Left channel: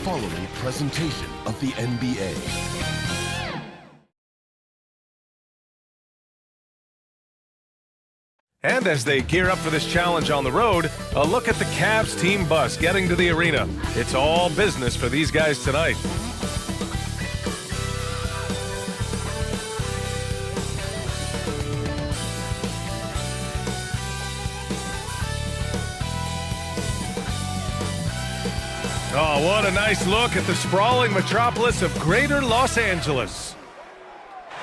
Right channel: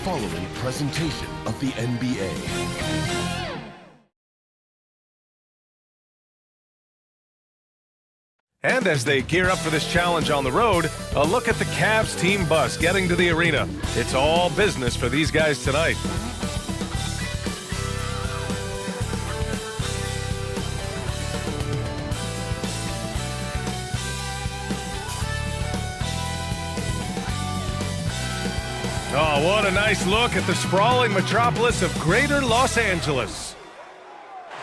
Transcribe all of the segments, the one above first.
following presentation of the NBA. And as they gear up for this challenge on the road, a look at the Cavs team bus getting to the arena. It's all business for these guys tonight. Oh, what a nice look at the sprawling metropolis of Greater Los Angeles.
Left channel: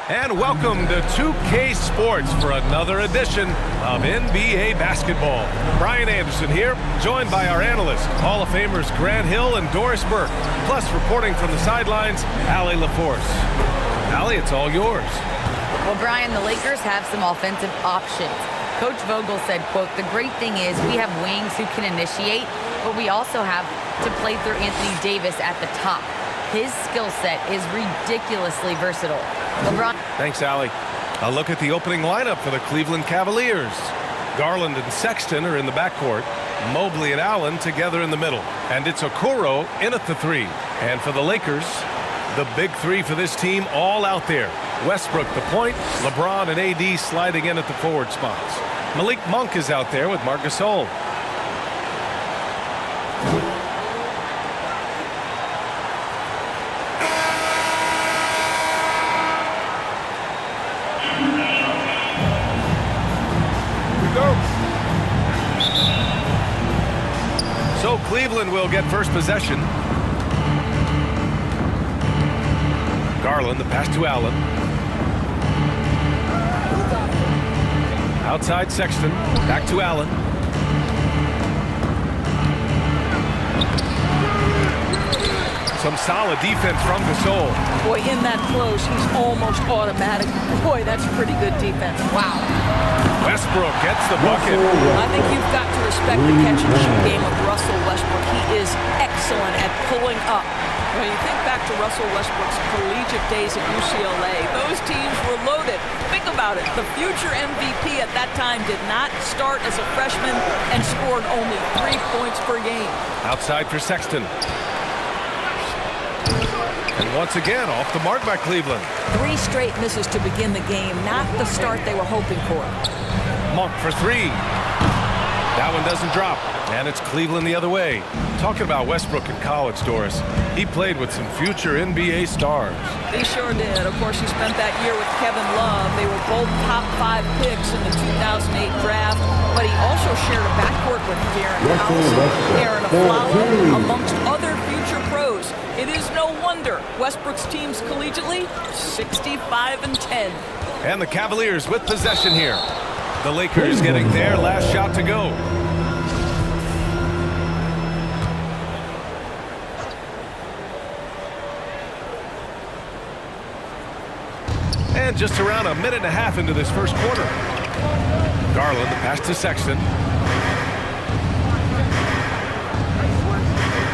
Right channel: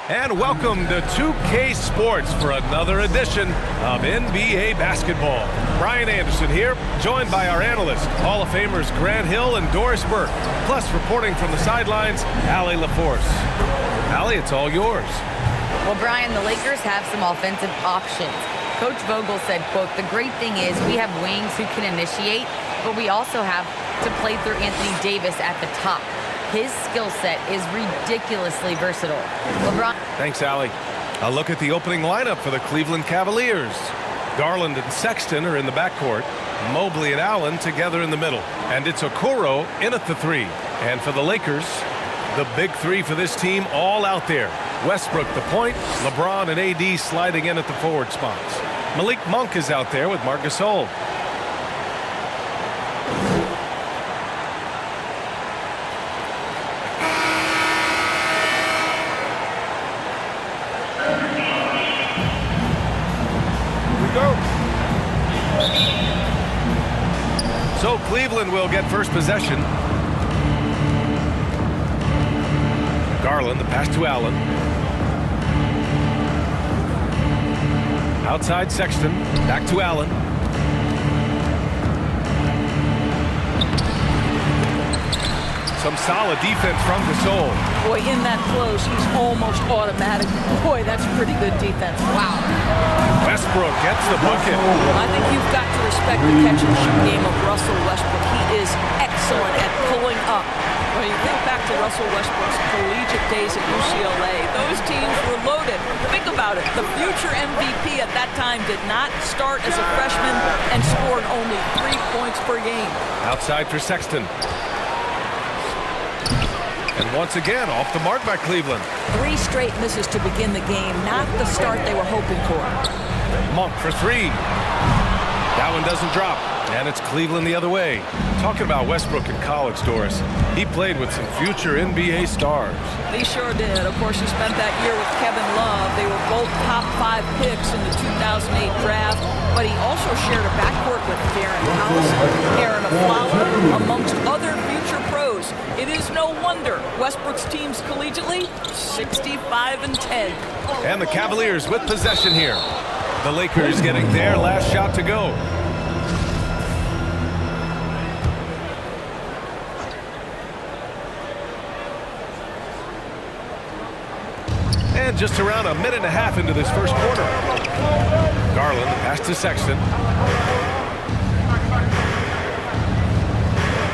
And welcome to 2K Sports for another edition of NBA basketball. Brian Anderson here, joined by our analysts, Hall of Famers Grant Hill and Doris Burke. Plus, reporting from the sidelines, Allie LaForce. Allie, it's all yours. Well, Brian, the Lakers have some offensive options. Coach Vogel said, quote, "The great thing is we have wings who can initiate, but we also have to play through Anthony Davis at the top. His skill set is ridiculously versatile." LeBron. Thanks, Allie. A look at the opening lineup for the Cleveland Cavaliers. Garland and Sexton are in the backcourt. Mobley and Allen together in the middle. And it's Okoro in at the three. And for the Lakers, the big three for this team all out there. Westbrook the point, LeBron and AD sliding in at the forward spots. Malik Monk is out there with Marc Gasol. So Cleveland will get first possession. Garland, the pass to Allen. Outside Sexton, back to Allen. Some solid defense from Gasol. Boy, in that close, he's almost automatic. Boy, that's pretty good defense. Wow. Westbrook gets the bucket. I think you've got to respect the catch-and-shoot game of Russell Westbrook. He is excellent at pulling up. When you think back to Russell Westbrook's collegiate days at UCLA, those teams were loaded. Think about it. The future MVP at that time did not start as a freshman and scored only 3 points per game. Outside for Sexton. And once again, off the mark by Cleveland. 3 straight misses to begin the game, not the start they were hoping for. Monk for three. That one doesn't drop. And it's Cleveland the other way. Talking about Westbrook in college, Doris, he played with some future NBA stars. He sure did. Of course, he spent that year with Kevin Love. They were both top 5 picks in the 2008 draft. But he also shared a backcourt with Darren Collison, Aaron Aflalo, amongst other future pros. It is no wonder Westbrook's teams collegiately 65-10. And the Cavaliers with possession here. The Lakers getting their last shot to go. And just around a minute and a half into this first quarter. Garland, the pass to Sexton.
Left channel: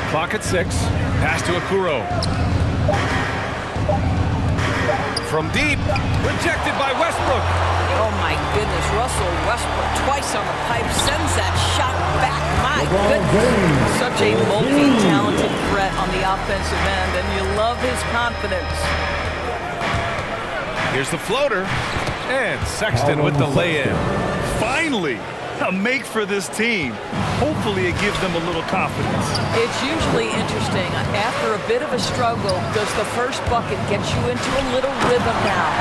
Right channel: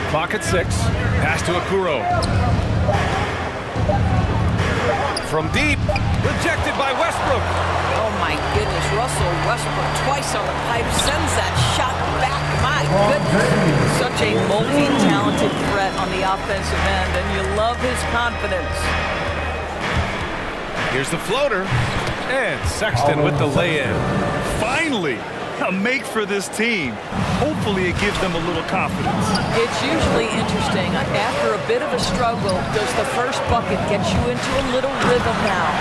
Clock at 6. Pass to Okoro. From deep. Rejected by Westbrook. Oh, my goodness. Russell Westbrook twice on the pipe sends that shot back. My goodness. Such a multi-talented threat on the offensive end, and you love his confidence. Here's the floater. And Sexton with the lay-in. Finally, a make for this team. Hopefully it gives them a little confidence. It's usually interesting. After a bit of a struggle, does the first bucket get you into a little rhythm now?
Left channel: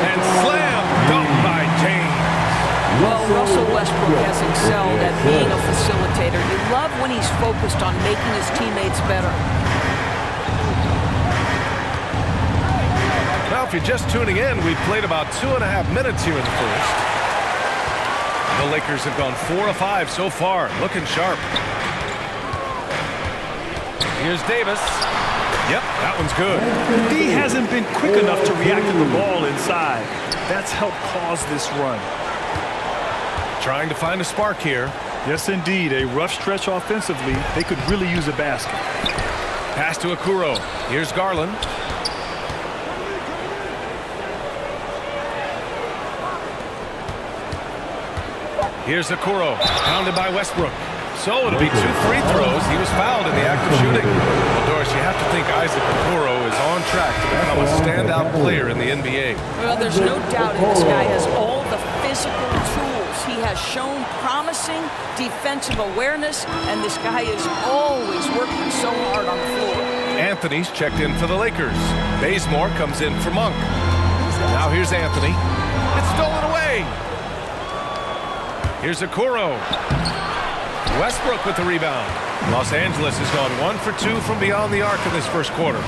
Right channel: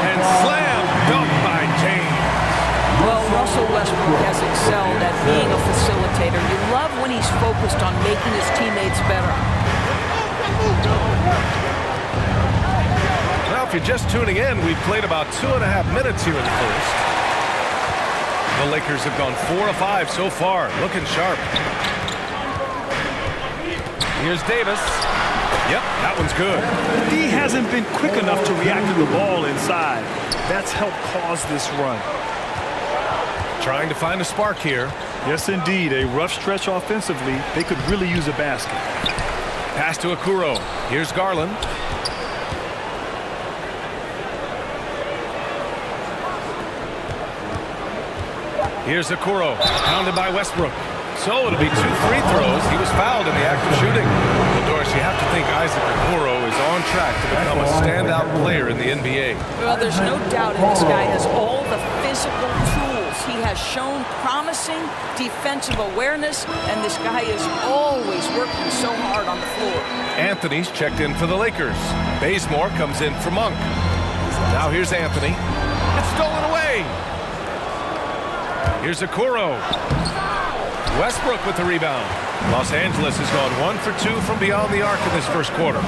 And slam dunk by James. Well, Russell Westbrook has excelled at being a facilitator. You love when he's focused on making his teammates better. Well, if you're just tuning in, we've played about 2.5 minutes here in the first. The Lakers have gone 4 of 5 so far, looking sharp. Here's Davis. Yep, that one's good. He hasn't been quick enough to react to the ball inside. That's helped cause this run. Trying to find a spark here. Yes, indeed. A rough stretch offensively. They could really use a basket. Pass to Okoro. Here's Garland. Here's Okoro, pounded by Westbrook. So it'll be 2 free throws. He was fouled in the act of shooting. Well, Doris, you have to think Isaac Okoro is on track to become a standout player in the NBA. Well, there's no doubt this guy has all the physical tools. He has shown promising defensive awareness, and this guy is always working so hard on the floor. Anthony's checked in for the Lakers. Bazemore comes in for Monk. Now here's Anthony. It's stolen away. Here's Okoro. Westbrook with the rebound. Los Angeles has gone 1 for 2 from beyond the arc in this first quarter.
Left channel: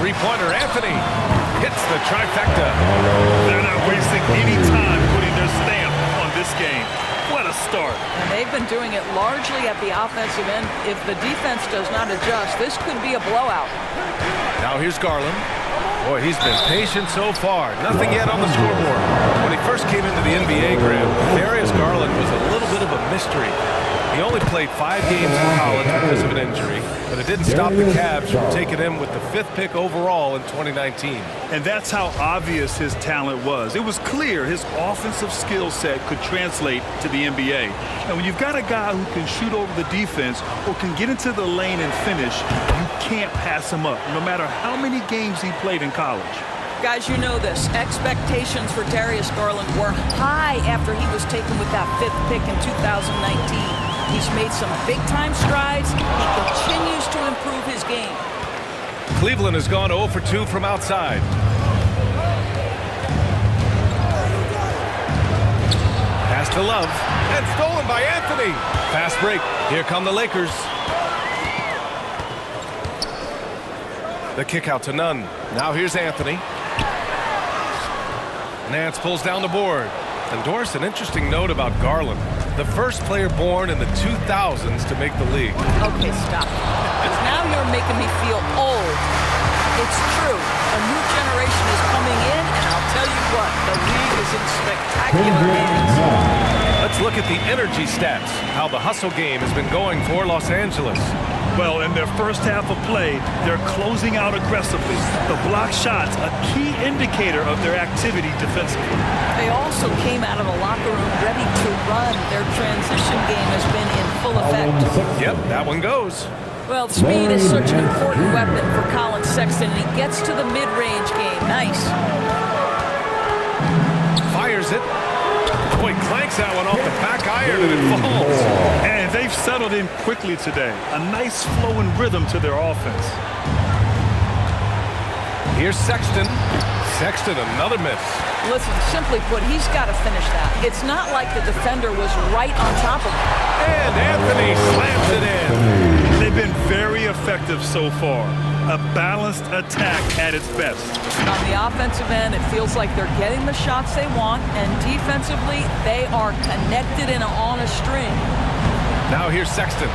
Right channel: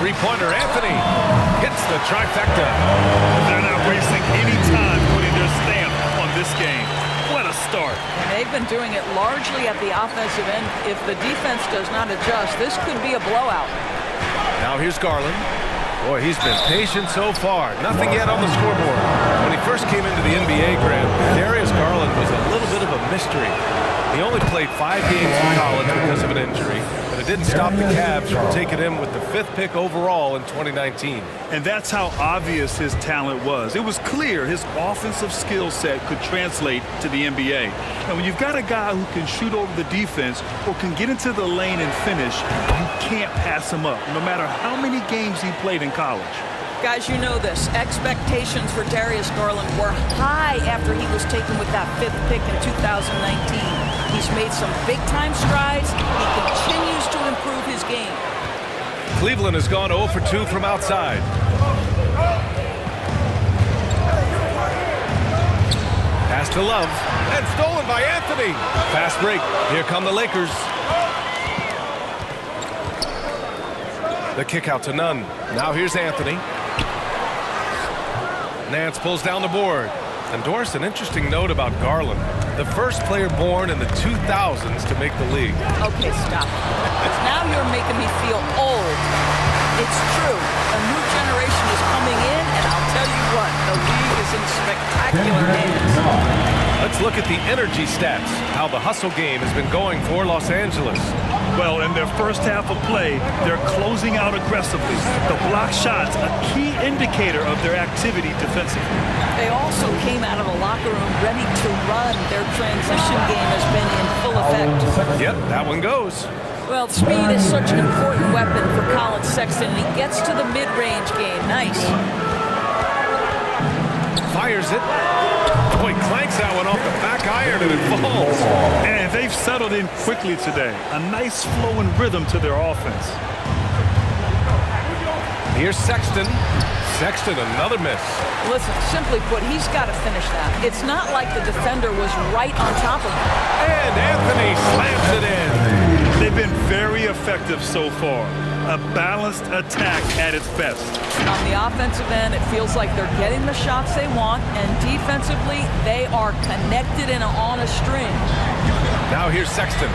Three-pointer, Anthony hits the trifecta. They're not wasting any time putting their stamp on this game. What a start. And they've been doing it largely at the offensive end. If the defense does not adjust, this could be a blowout. Now here's Garland. Boy, he's been patient so far. Nothing yet on the scoreboard. When he first came into the NBA, Graham, Darius Garland was a little bit of a mystery. He only played 5 games in college because of an injury, but it didn't stop the Cavs from taking him with the 5th pick overall in 2019. And that's how obvious his talent was. It was clear his offensive skill set could translate to the NBA. And when you've got a guy who can shoot over the defense or can get into the lane and finish, you can't pass him up, no matter how many games he played in college. Guys, you know this. Expectations for Darius Garland were high after he was taken with that 5th pick in 2019. He's made some big-time strides. He continues to improve his game. Cleveland has gone 0 for 2 from outside. Pass to Love, and stolen by Anthony. Fast break. Here come the Lakers. The kick out to Nunn. Now here's Anthony. Nance pulls down the board. And Doris, an interesting note about Garland. The first player born in the 2000s to make the league. Okay, stop. Because now you're making me feel old. It's true. A new generation is coming in, and I'll tell you what, the league is in spectacular hands. Let's look at the energy stats, how the hustle game has been going for Los Angeles. Well, in their first half of play, they're closing out aggressively. The block shots, a key indicator of their activity defensively. They also came out of the locker room ready to run. Their transition game has been in full effect. Yep, that one goes. Well, speed is such an important weapon for Colin Sexton, and he gets to the mid-range game. Nice. Fires it. Boy, clanks that one off the back iron and it falls. And they've settled in quickly today. A nice flowing rhythm to their offense. Here's Sexton. Sexton, another miss. Listen, simply put, he's got to finish that. It's not like the defender was right on top of him. And Anthony slams it in. They've been very effective so far. A balanced attack at its best. On the offensive end, it feels like they're getting the shots they want, and defensively, they are connected and on a string. Now here's Sexton.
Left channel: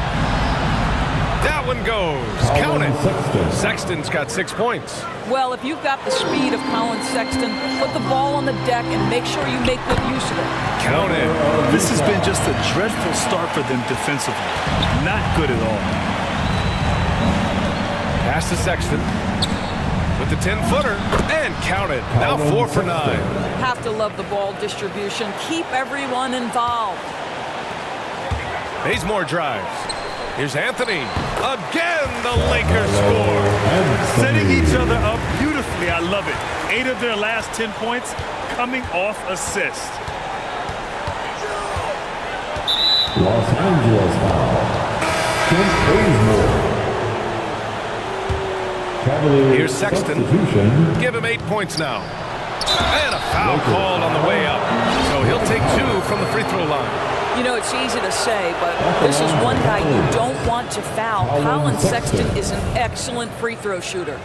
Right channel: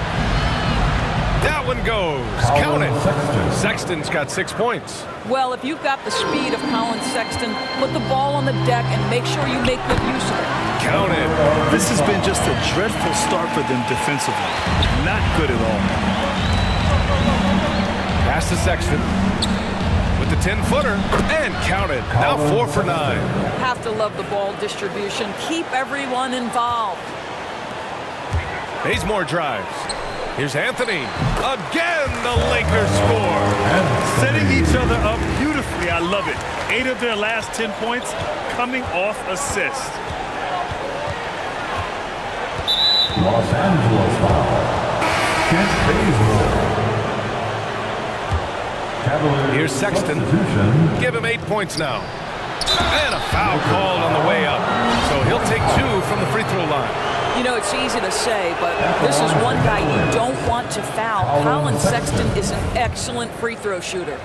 That one goes. Count it. Sexton's got 6 points. Well, if you've got the speed of Colin Sexton, put the ball on the deck and make sure you make good use of it. Count it. This has been just a dreadful start for them defensively. Not good at all. Pass to Sexton with the 10-footer and count it. Now 4 for 9. Have to love the ball distribution. Keep everyone involved. Bazemore drives. Here's Anthony. Again, the Lakers score. Setting each other up beautifully. I love it. 8 of their last 10 points coming off assists. Los Angeles foul. Kent Bazemore. Cavaliers. Here's Sexton. Give him 8 points now. And a foul called on the way up. So he'll take 2 from the free throw line. You know, it's easy to say, but this is one guy you don't want to foul. Colin Sexton is an excellent free throw shooter.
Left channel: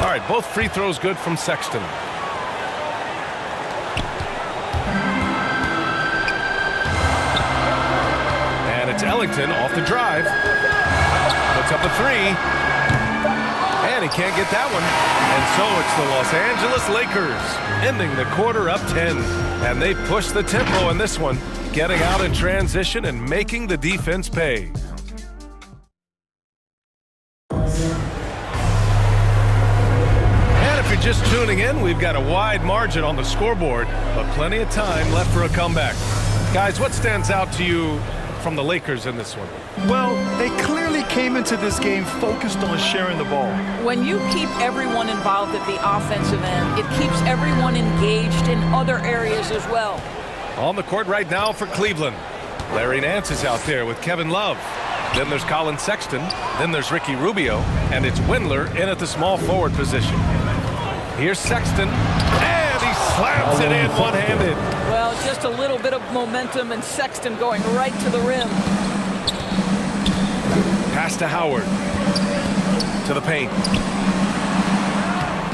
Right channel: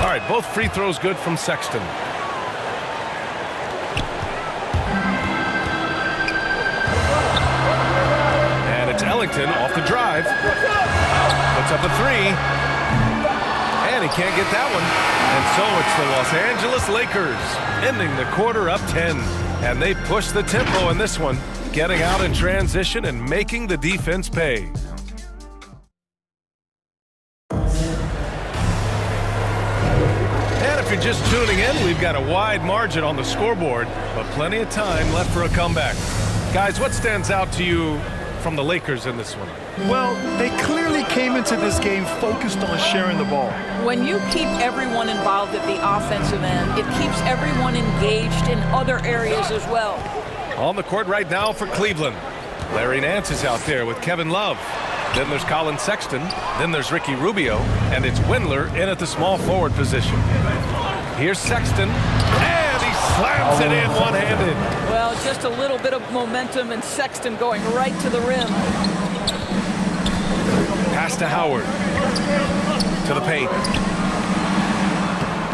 All right, both free throws good from Sexton. And it's Ellington off the drive. Puts up a 3. And he can't get that one. And so it's the Los Angeles Lakers ending the quarter up 10. And they push the tempo in this one, getting out in transition and making the defense pay. And if you're just tuning in, we've got a wide margin on the scoreboard, but plenty of time left for a comeback. Guys, what stands out to you from the Lakers in this one? Well, they clearly came into this game focused on sharing the ball. When you keep everyone involved at the offensive end, it keeps everyone engaged in other areas as well. On the court right now for Cleveland, Larry Nance is out there with Kevin Love. Then there's Colin Sexton. Then there's Ricky Rubio. And it's Windler in at the small forward position. Here's Sexton. And he slams it in one-handed. Well, just a little bit of momentum and Sexton going right to the rim. Pass to Howard. To the paint.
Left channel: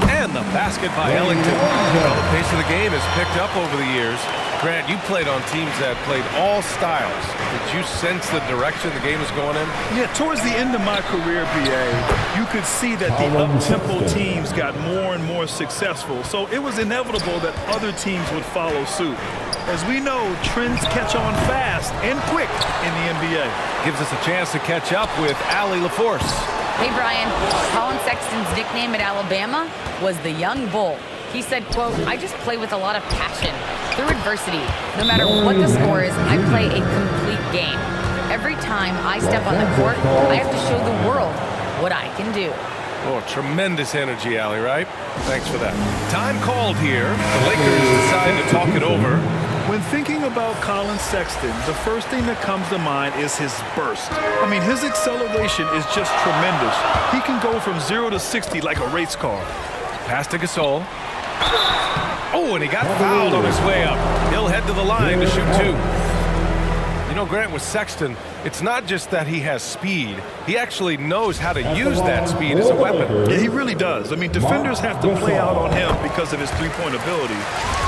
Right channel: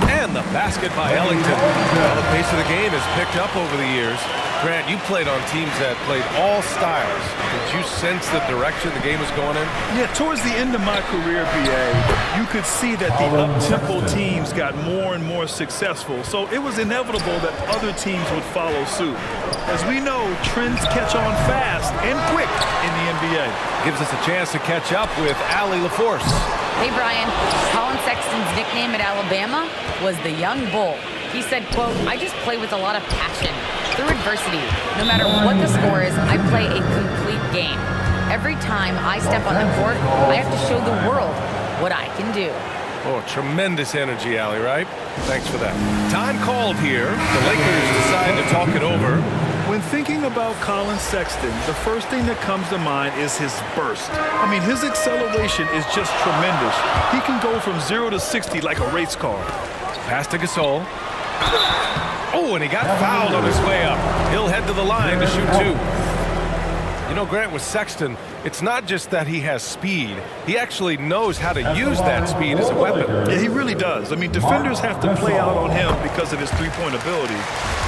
And the basket by Ellington. Well, the pace of the game has picked up over the years. Grant, you played on teams that played all styles. Did you sense the direction the game was going in? Yeah, towards the end of my career, BA, you could see that the up-tempo teams got more and more successful. So it was inevitable that other teams would follow suit. As we know, trends catch on fast and quick in the NBA. Gives us a chance to catch up with Allie LaForce. Hey, Brian. Colin Sexton's nickname at Alabama was the Young Bull. He said, quote, "I just play with a lot of passion. Through adversity, no matter what the score is, I play a complete game. Every time I step on the court, I have to show the world what I can do." Oh, tremendous energy, Allie, right? Thanks for that. Time called here. The Lakers decide to talk it over. When thinking about Colin Sexton, the first thing that comes to mind is his burst. I mean, his acceleration is just tremendous. He can go from 0 to 60 like a race car. Pass to Gasol. Oh, and he got fouled on his way up. He'll head to the line to shoot two. You know, Grant, with Sexton, it's not just that he has speed. He actually knows how to use that speed as a weapon. Yeah, he really does. I mean, defenders have to play out on him because of his three-point ability.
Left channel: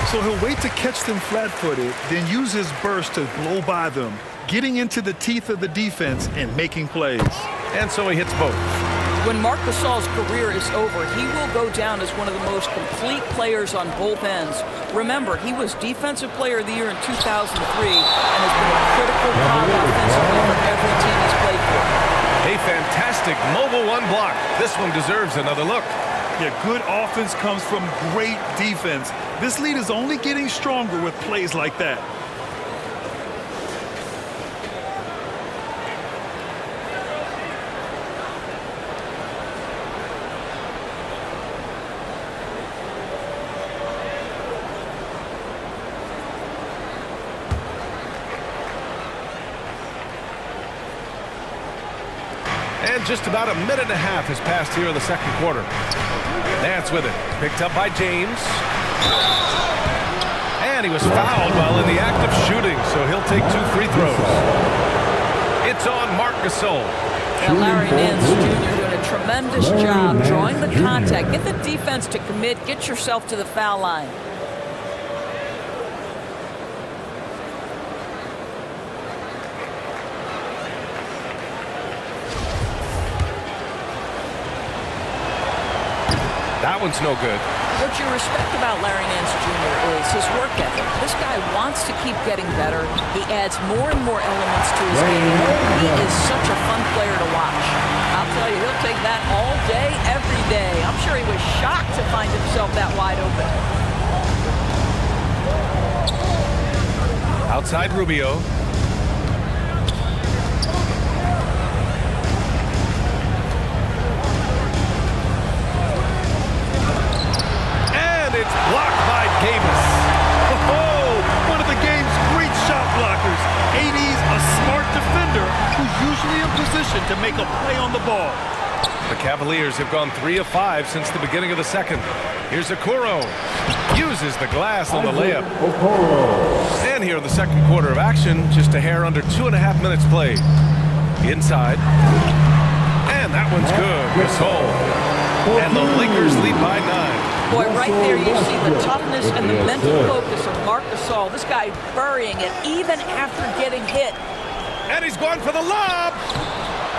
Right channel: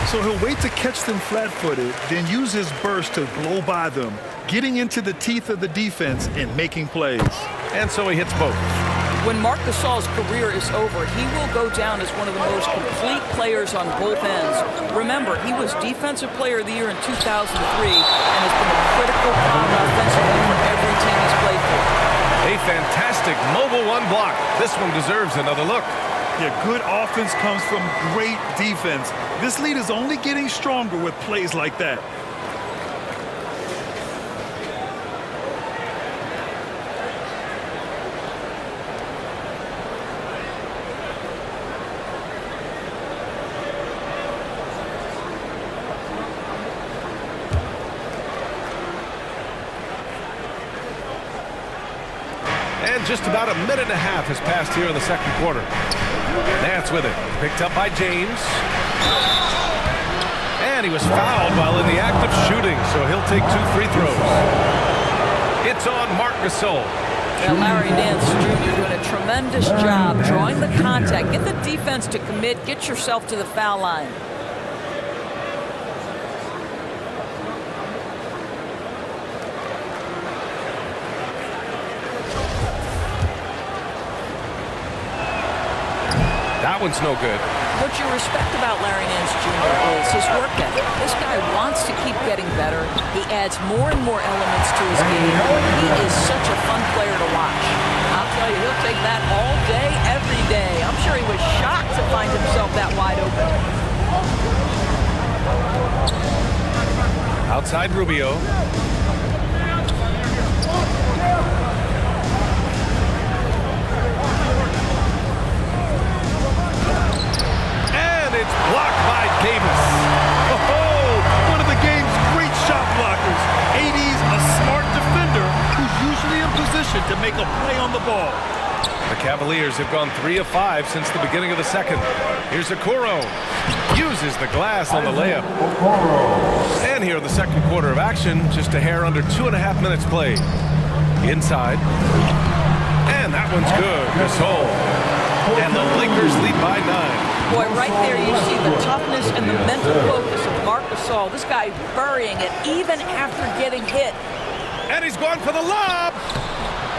So he'll wait to catch them flat-footed, then use his burst to blow by them, getting into the teeth of the defense and making plays. And so he hits both. When Marc Gasol's career is over, he will go down as one of the most complete players on both ends. Remember, he was Defensive Player of the Year in 2003 and has been a critical cog offensively for every team he's played for. A fantastic mobile one block. This one deserves another look. Yeah, good offense comes from great defense. This lead is only getting stronger with plays like that. And just about a minute and a half has passed here in the second quarter. Nance with it. Picked up by James. And he was fouled while in the act of shooting, so he'll take 2 free throws. It's on Marc Gasol. Now, Larry Nance Jr. doing a tremendous job drawing the contact. Get the defense to commit. Get yourself to the foul line. That one's no good. What you respect about Larry Nance Jr. is his work ethic. This guy wants to keep getting better. He adds more and more elements to his game. He is such a fun player to watch. I'll tell you, he'll take that all day, every day. I'm sure he was shocked to find himself that wide open. Outside Rubio. It's blocked by Davis. Oh, one of the game's great shot blockers. AD's a smart defender who's usually in position to make a play on the ball. The Cavaliers have gone 3 of 5 since the beginning of the second. Here's Okoro. Uses the glass on the layup. And here in the second quarter of action, just a hair under 2.5 minutes played. Inside. And that one's good. Gasol. And the Lakers lead by 9. Boy, right there you see the toughness and the mental focus of Marc Gasol. This guy burying it even after getting hit. And he's going for the lob.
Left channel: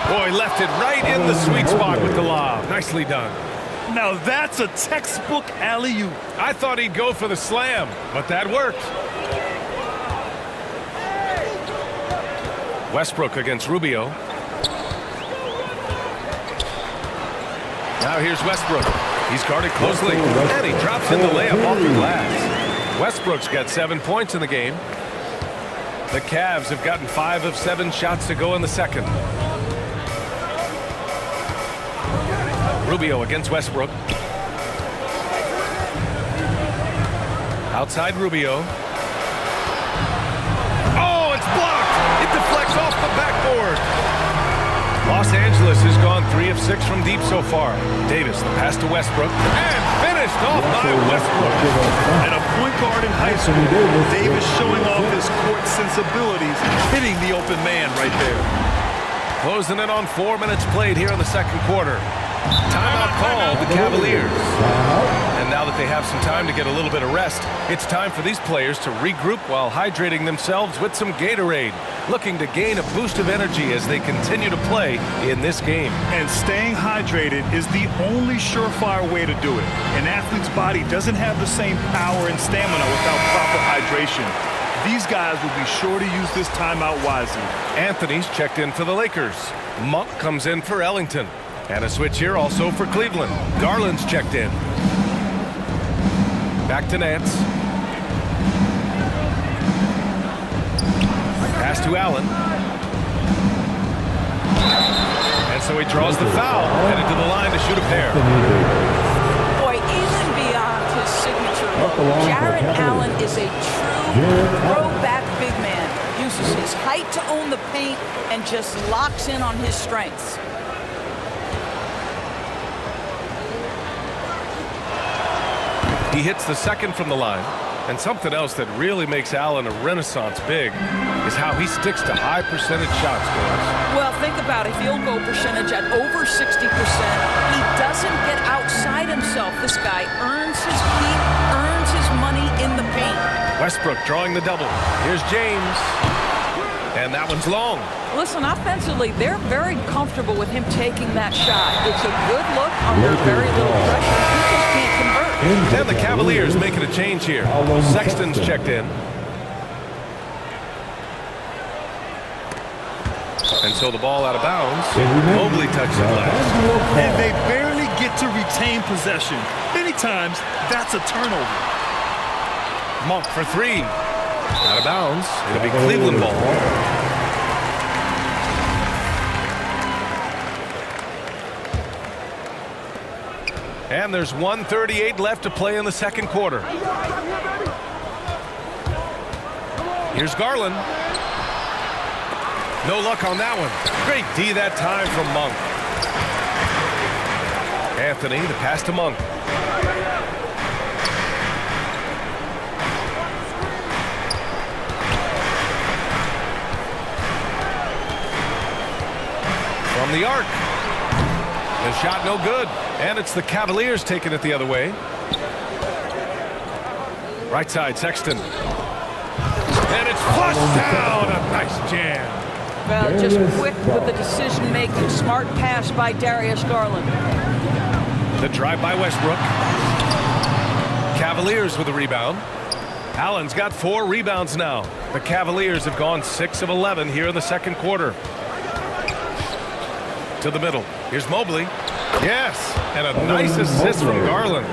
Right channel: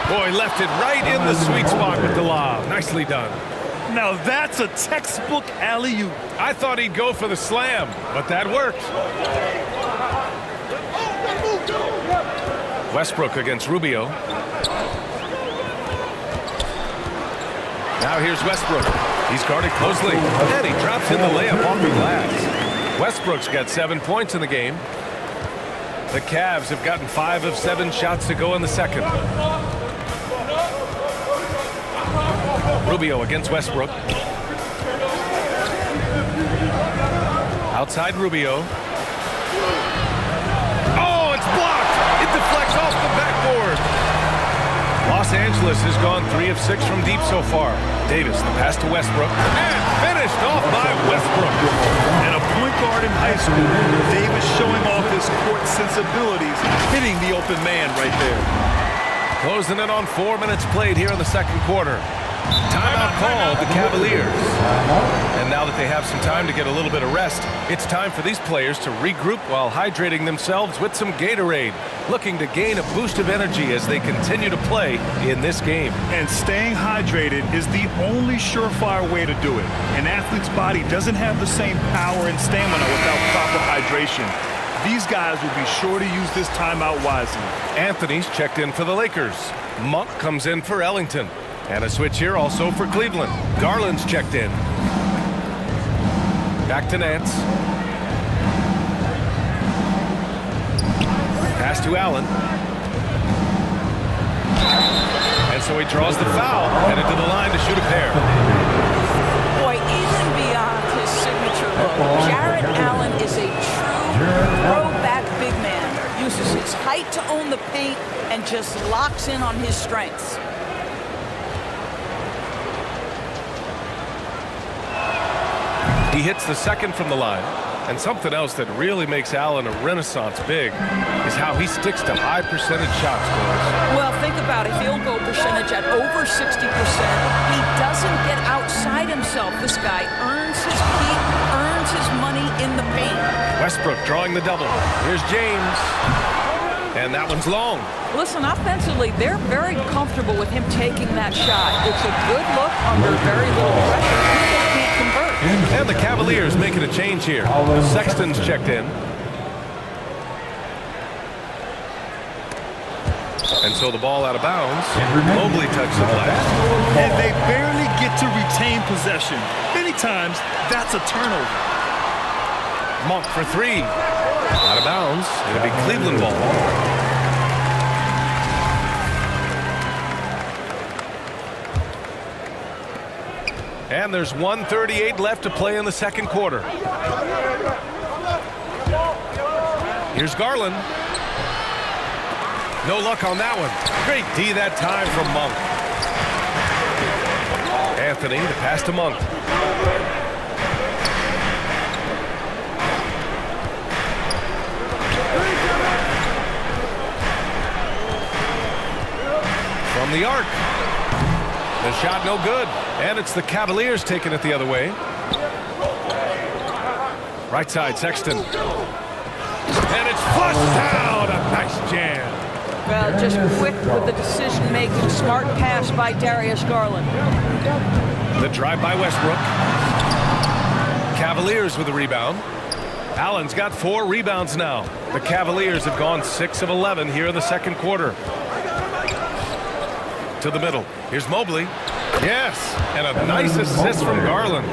Boy, left it right in the sweet spot with the lob. Nicely done. Now that's a textbook alley-oop. I thought he'd go for the slam, but that worked. Westbrook against Rubio. Now here's Westbrook. He's guarded closely, and he drops in the layup off the glass. Westbrook's got 7 points in the game. The Cavs have gotten 5 of 7 shots to go in the second. Rubio against Westbrook. Outside Rubio. Oh, it's blocked. It deflects off the backboard. Los Angeles has gone 3 of 6 from deep so far. Davis, the pass to Westbrook, and finished off by Westbrook. And a point guard in high school, Davis showing off his court sensibilities, hitting the open man right there. Closing in on 4 minutes played here in the second quarter. Timeout called the Cavaliers. And now that they have some time to get a little bit of rest, it's time for these players to regroup while hydrating themselves with some Gatorade, looking to gain a boost of energy as they continue to play in this game. And staying hydrated is the only surefire way to do it. An athlete's body doesn't have the same power and stamina without proper hydration. These guys will be sure to use this timeout wisely. Anthony's checked in for the Lakers. Monk comes in for Ellington. And a switch here also for Cleveland. Garland's checked in. Back to Nance. Pass to Allen. And so he draws the foul, headed to the line to shoot a pair. Boy, even beyond his signature look, Jarrett Allen is a true throwback big man. Uses his height to own the paint and just locks in on his strengths. He hits the second from the line. And something else that really makes Allen a renaissance big is how he sticks to high percentage shots, boys. Well, think about it. Field goal percentage at over 60%. He doesn't get outside himself. This guy earns his keep, earns his money in the paint. Westbrook drawing the double. Here's James. And that one's long. Listen, offensively, they're very comfortable with him taking that shot. It's a good look under very little pressure. He just can't convert. And the Cavaliers making a change here. Sexton's checked in. And so the ball out of bounds. Mobley touched it last. And they barely get to retain possession. Many times, that's a turnover. Monk for 3. Out of bounds. It'll be Cleveland ball. And there's 1:38 left to play in the second quarter. Here's Garland. No luck on that one. Great D that time from Monk. Anthony, the pass to Monk. From the arc. The shot no good. And it's the Cavaliers taking it the other way. Right side, Sexton. And it's flushed down. A nice jam. Well, just quick with the decision-making. Smart pass by Darius Garland. The drive by Westbrook. Cavaliers with a rebound. Allen's got 4 rebounds now. The Cavaliers have gone 6 of 11 here in the second quarter. To the middle. Here's Mobley. Yes, and a nice assist from Garland.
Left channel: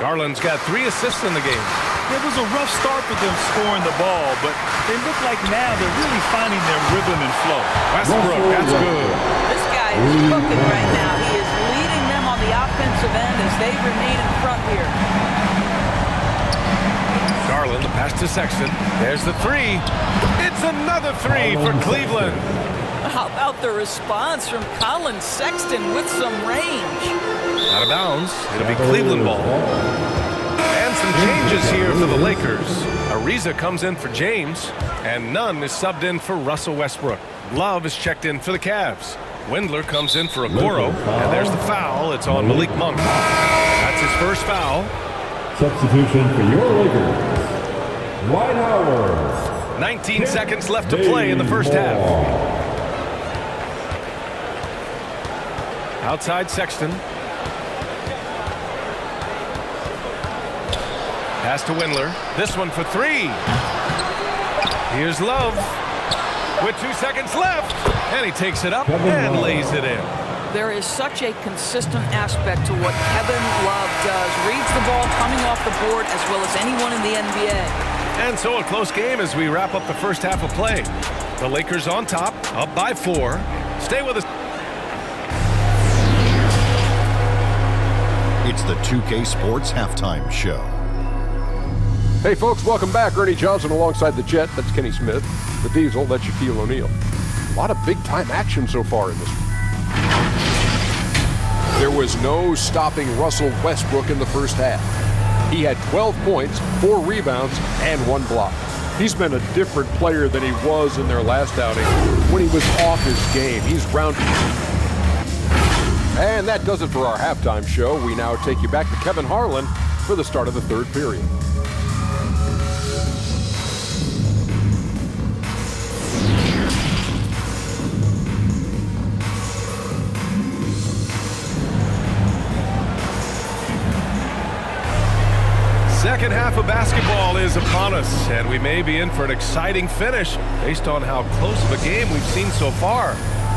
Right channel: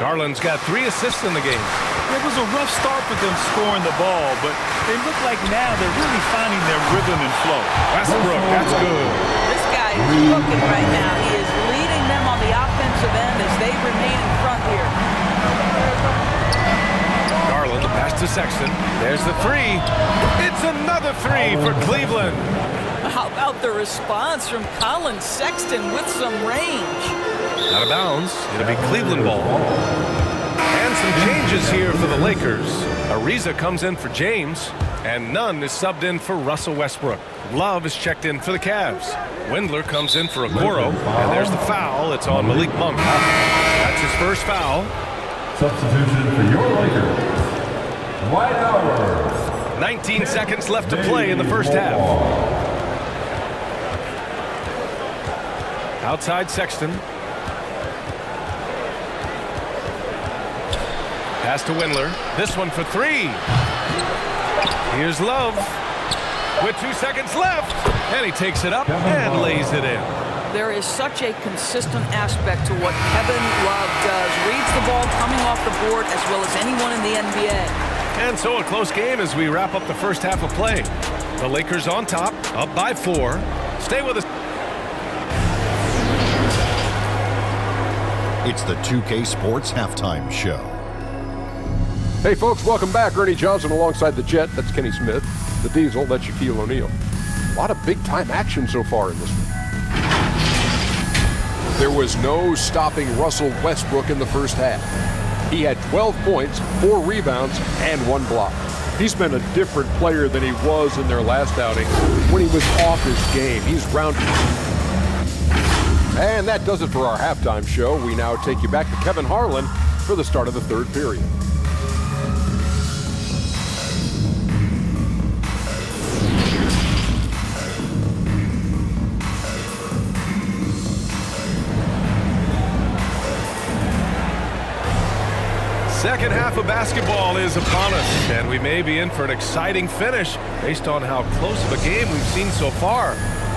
Garland's got 3 assists in the game. It was a rough start for them scoring the ball, but they look like now they're really finding their rhythm and flow. Westbrook, that's good. This guy is cooking right now. He is leading them on the offensive end as they remain in front here. Garland, the pass to Sexton. There's the 3. It's another 3 for Cleveland. How about the response from Colin Sexton with some range? Out of bounds. It'll be Cleveland ball. And some changes here for the Lakers. Ariza comes in for James, and Nunn is subbed in for Russell Westbrook. Love is checked in for the Cavs. Windler comes in for Agoro, and there's the foul. It's on Malik Monk. That's his first foul. Substitution for your Lakers. Dwight Howard. 19 seconds left to play in the first half. Outside Sexton. Pass to Windler. This one for 3. Here's Love. With 2 seconds left. And he takes it up and lays it in. There is such a consistent aspect to what Kevin Love does. Reads the ball coming off the board as well as anyone in the NBA. And so a close game as we wrap up the first half of play. The Lakers on top, up by 4. Stay with us. It's the 2K Sports Halftime Show. Hey folks, welcome back. Ernie Johnson alongside the Jet, that's Kenny Smith. The Diesel, that's Shaquille O'Neal. A lot of big-time action so far in this one. There was no stopping Russell Westbrook in the first half. He had 12 points, 4 rebounds, and 1 block. He's been a different player than he was in their last outing when he was off his game. He's rounded. And that does it for our halftime show. We now take you back to Kevin Harlan for the start of the third period. Second half of basketball is upon us, and we may be in for an exciting finish based on how close of a game we've seen so far.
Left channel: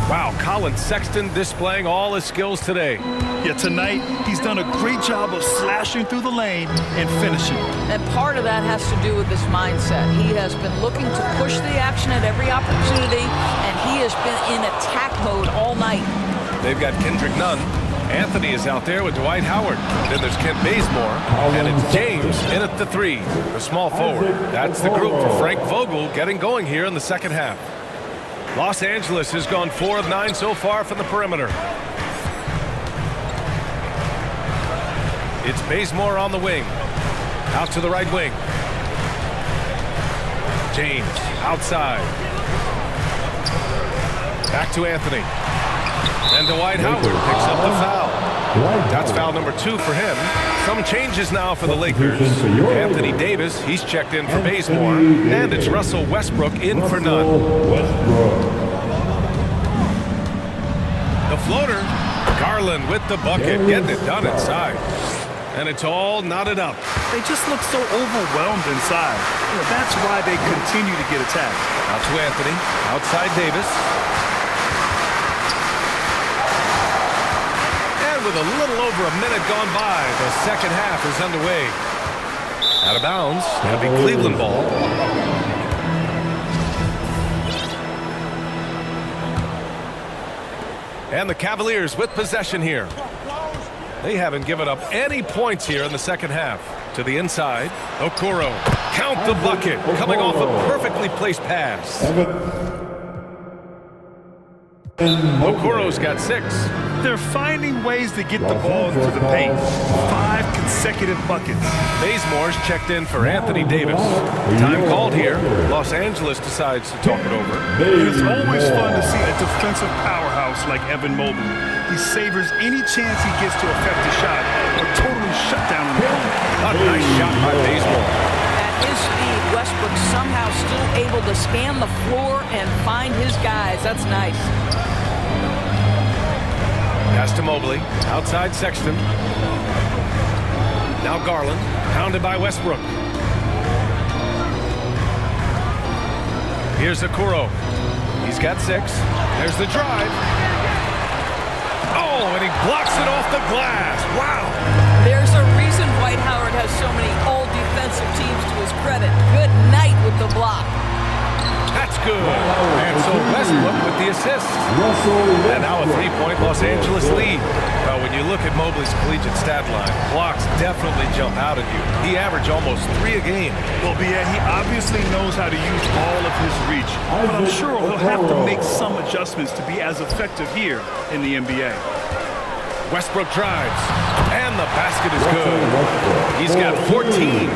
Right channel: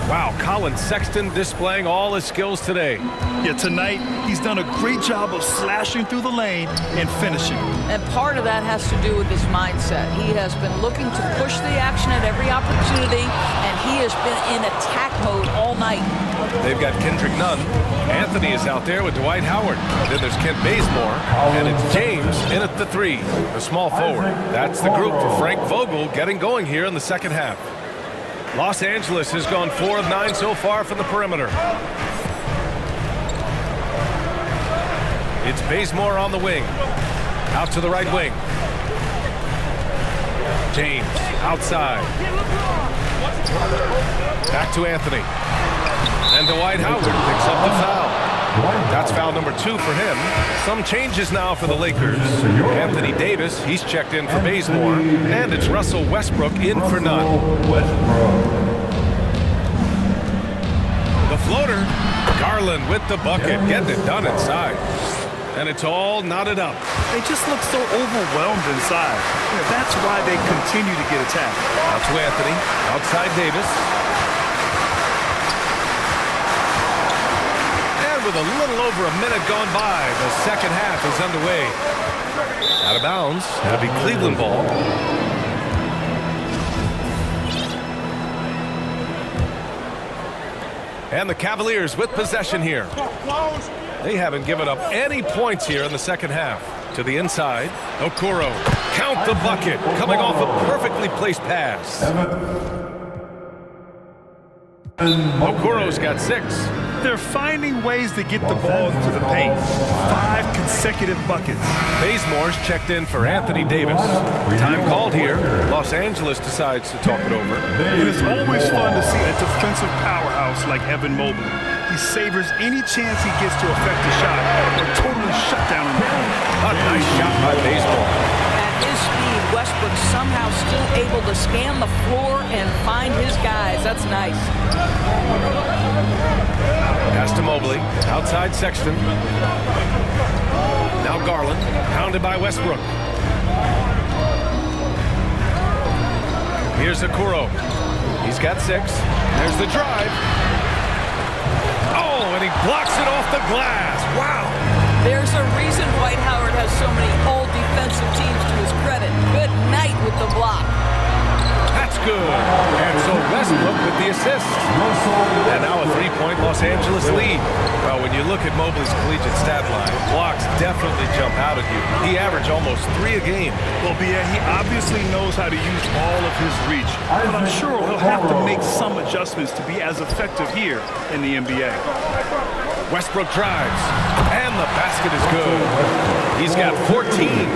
Wow, Colin Sexton displaying all his skills today. Yeah, tonight he's done a great job of slashing through the lane and finishing. And part of that has to do with his mindset. He has been looking to push the action at every opportunity, and he has been in attack mode all night. They've got Kendrick Nunn. Anthony is out there with Dwight Howard. Then there's Kent Bazemore, and it's James in at the 3, the small forward. That's the group for Frank Vogel getting going here in the second half. Los Angeles has gone 4 of 9 so far from the perimeter. It's Bazemore on the wing. Out to the right wing. James outside. Back to Anthony. And Dwight Howard picks up the foul. That's foul number 2 for him. Some changes now for the Lakers. Anthony Davis, he's checked in for Bazemore. And it's Russell Westbrook in for Nunn. The floater. Garland with the bucket, getting it done inside. And it's all knotted up. They just look so overwhelmed inside. Yeah, that's why they continue to get attacked. Out to Anthony. Outside Davis. With a little over a minute gone by, the second half is underway. Out of bounds. It'll be Cleveland ball. And the Cavaliers with possession here. They haven't given up any points here in the second half. To the inside, Okoro. Count the bucket. Coming off a perfectly placed pass. Okoro's got 6. They're finding ways to get the ball into the paint. 5 consecutive buckets. Bazemore's checked in for Anthony Davis. Time called here. Los Angeles decides to talk it over. It is always fun to see a defensive powerhouse like Evan Mobley. He savors any chance he gets to affect a shot or totally shut down an opponent. A nice shot by Bazemore. At his speed, Westbrook somehow still able to scan the floor and find his guys. That's nice. Pass to Mobley. Outside Sexton. Now Garland. Pounded by Westbrook. Here's Okoro. He's got 6. There's the drive. Oh, and he blocks it off the glass. Wow. There's a reason Dwight Howard has so many all-defensive teams to his credit. Good night with the block. That's good. And so Westbrook with the assist. And now a 3-point Los Angeles lead. Well, when you look at Mobley's collegiate stat line, blocks definitely jump out at you. He averaged almost 3 a game. Well, he obviously knows how to use all of his reach. But I'm sure he'll have to make some adjustments to be as effective here in the NBA. Westbrook drives. And the basket is good. He's got 14.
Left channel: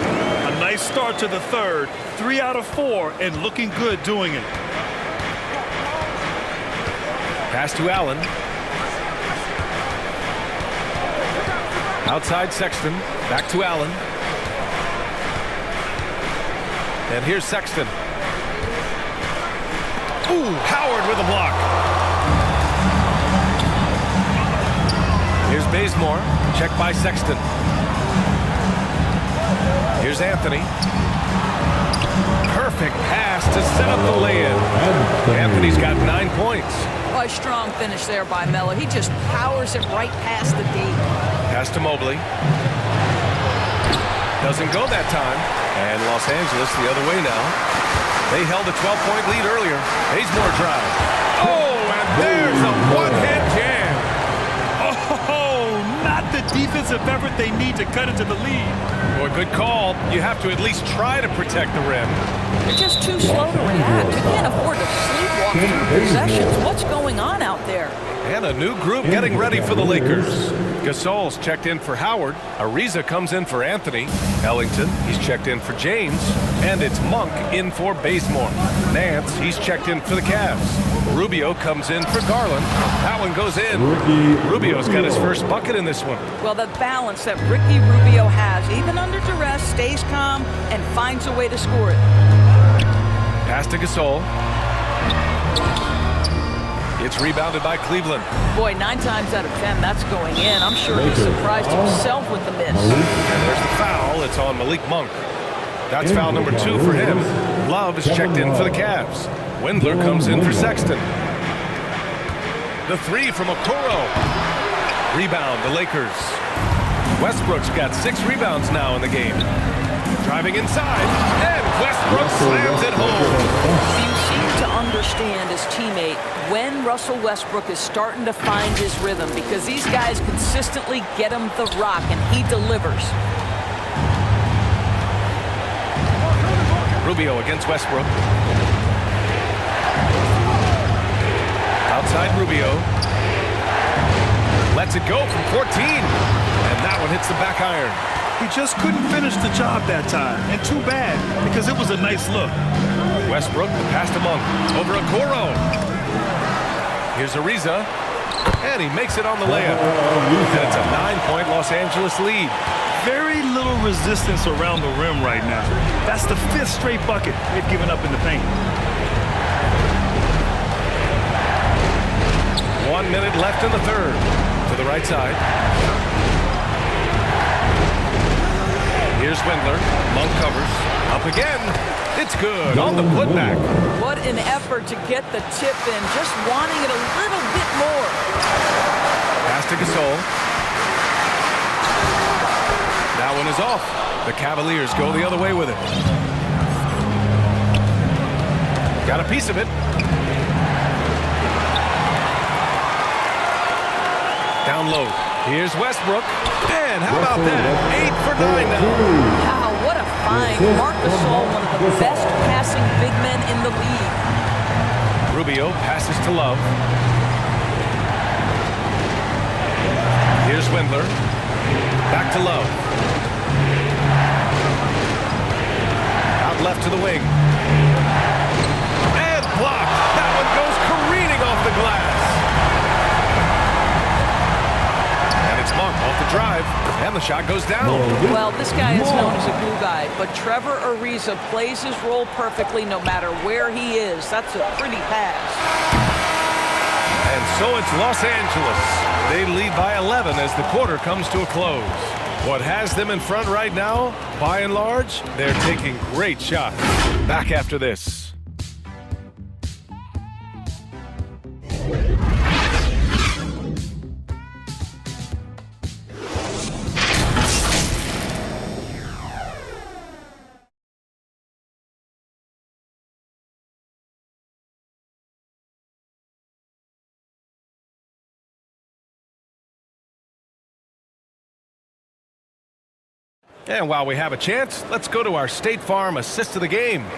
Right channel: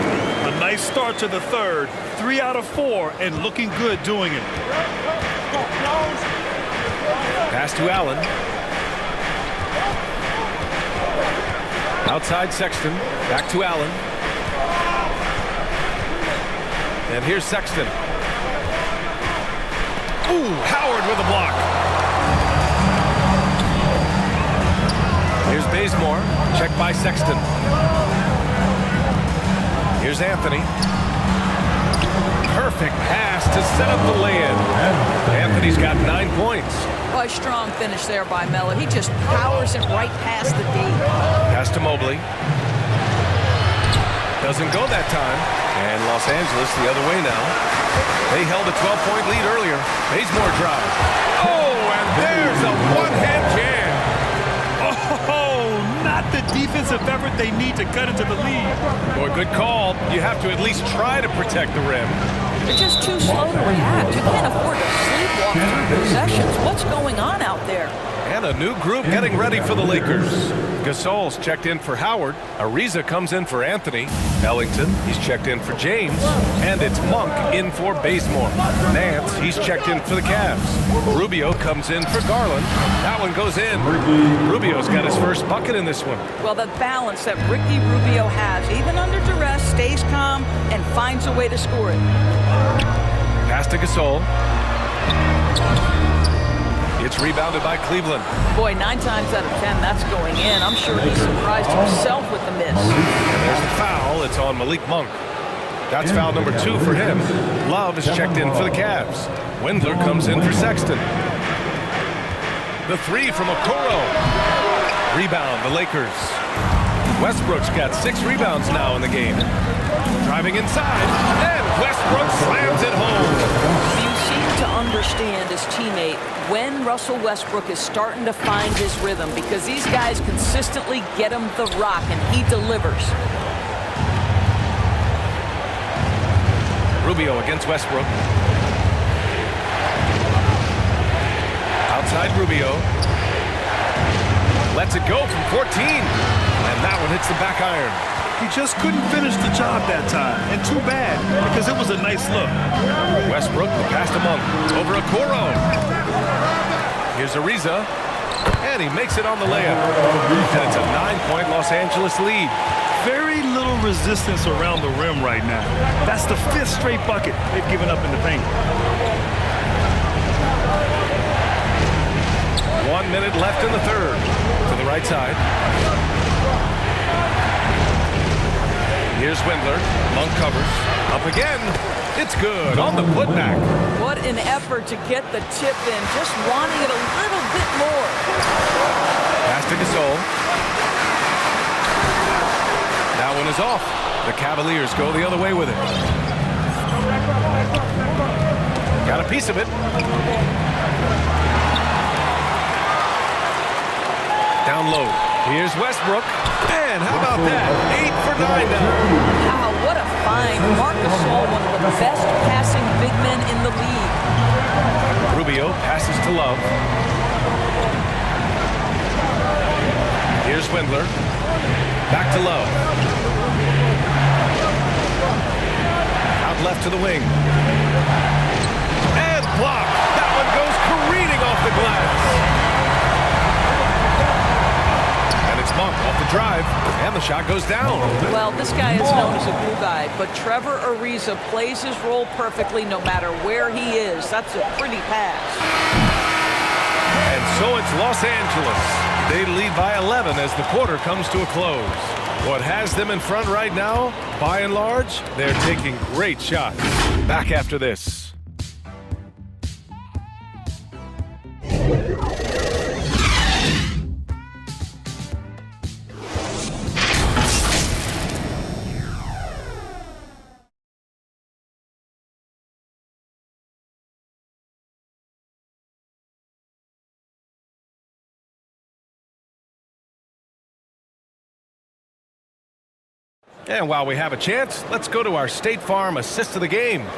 A nice start to the third. 3 out of 4 and looking good doing it. Pass to Allen. Outside Sexton. Back to Allen. And here's Sexton. Ooh, Howard with a block. Here's Bazemore. Checked by Sexton. Here's Anthony. Perfect pass to set up the lay-in. Anthony's got 9 points. Oh, a strong finish there by Melo. He just powers it right past the D. Pass to Mobley. Doesn't go that time. And Los Angeles the other way now. They held a 12-point lead earlier. Bazemore drives. Oh, and there's a one-hand jam. Oh, not the defensive effort they need to cut into the lead. Boy, good call. You have to at least try to protect the rim. They're just too slow to react. You can't afford to sleepwalk through possessions. What's going on out there? And a new group getting ready for the Lakers. Gasol's checked in for Howard. Ariza comes in for Anthony. Ellington, he's checked in for James. And it's Monk in for Bazemore. Nance, he's checked in for the Cavs. Rubio comes in for Garland. That one goes in. Rubio's got his first bucket in this one. Well, the balance that Ricky Rubio has, even under duress, stays calm and finds a way to score it. Pass to Gasol. It's rebounded by Cleveland. Boy, 9 times out of 10, that's going in. I'm sure he surprised himself with the miss. And there's the foul. It's on Malik Monk. That's foul number 2 for him. Love is checked in for the Cavs. Windler comes in for Sexton. The 3 from Okoro. Rebound, the Lakers. Westbrook's got 6 rebounds now in the game. Driving inside, and Westbrook slams it home. You seem to understand his teammate when Russell Westbrook is starting to find his rhythm, because these guys consistently get him the rock, and he delivers. Rubio against Westbrook. Outside Rubio. Lets it go from 14. And that one hits the back iron. He just couldn't finish the job that time, and too bad, because it was a nice look. Westbrook, the pass to Monk, over Okoro. Here's Ariza, and he makes it on the layup. And it's a 9-point Los Angeles lead. Very little resistance around the rim right now. That's the 5th straight bucket they've given up in the paint. 1 minute left in the third. To the right side. Here's Windler. Monk covers. Up again. It's good on the putback. What an effort to get the tip in. Just wanting it a little bit more. Pass to Gasol. That one is off. The Cavaliers go the other way with it. Got a piece of it. Down low. Here's Westbrook. And how about that? 8 for 9 now. Wow, what a find. Marc Gasol, one of the best passing big men in the league. Rubio passes to Love. Here's Windler. Back to Love. Out left to the wing. And blocked. That one goes careening off the glass. And it's Monk off the drive, and the shot goes down. Well, this guy is known as a glue guy, but Trevor Ariza plays his role perfectly no matter where he is. That's a pretty pass. And so it's Los Angeles. They lead by 11 as the quarter comes to a close. What has them in front right now, by and large, they're taking great shots. Back after this. And while we have a chance, let's go to our State Farm assist of the game.